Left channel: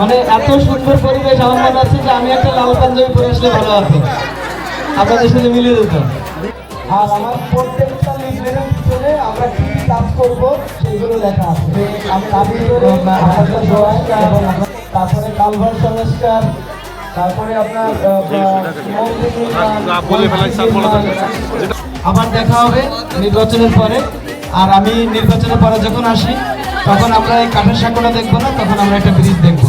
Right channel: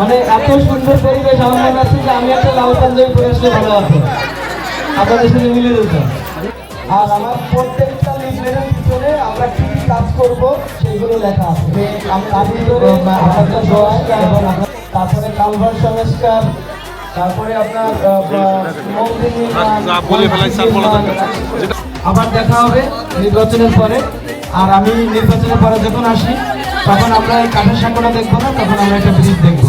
মানে এত সুন্দর পরিবেশ আমার কাছে যে আমি একটা লাল পাঞ্জাবি পরিবেশে ভালো আছি, আপনাদের সাথে মিলে যেত। আর আমার প্রত্যেকটা লিফলেটের ভিতরে আমরা কি কি কাজ করবো সেগুলো লেখা আছে। আমি করে তারপরে কালভার সংস্কার, তারপরে আপনার আবার দেখা হবে নির্বাচনের পরে। আর আমি নির্বাচনের পরে যখন আসি তখন আমরা এই কাঠের সাঁকোটা দেখবো না, তখন আমরা একটা ব্রিজ দেখবো।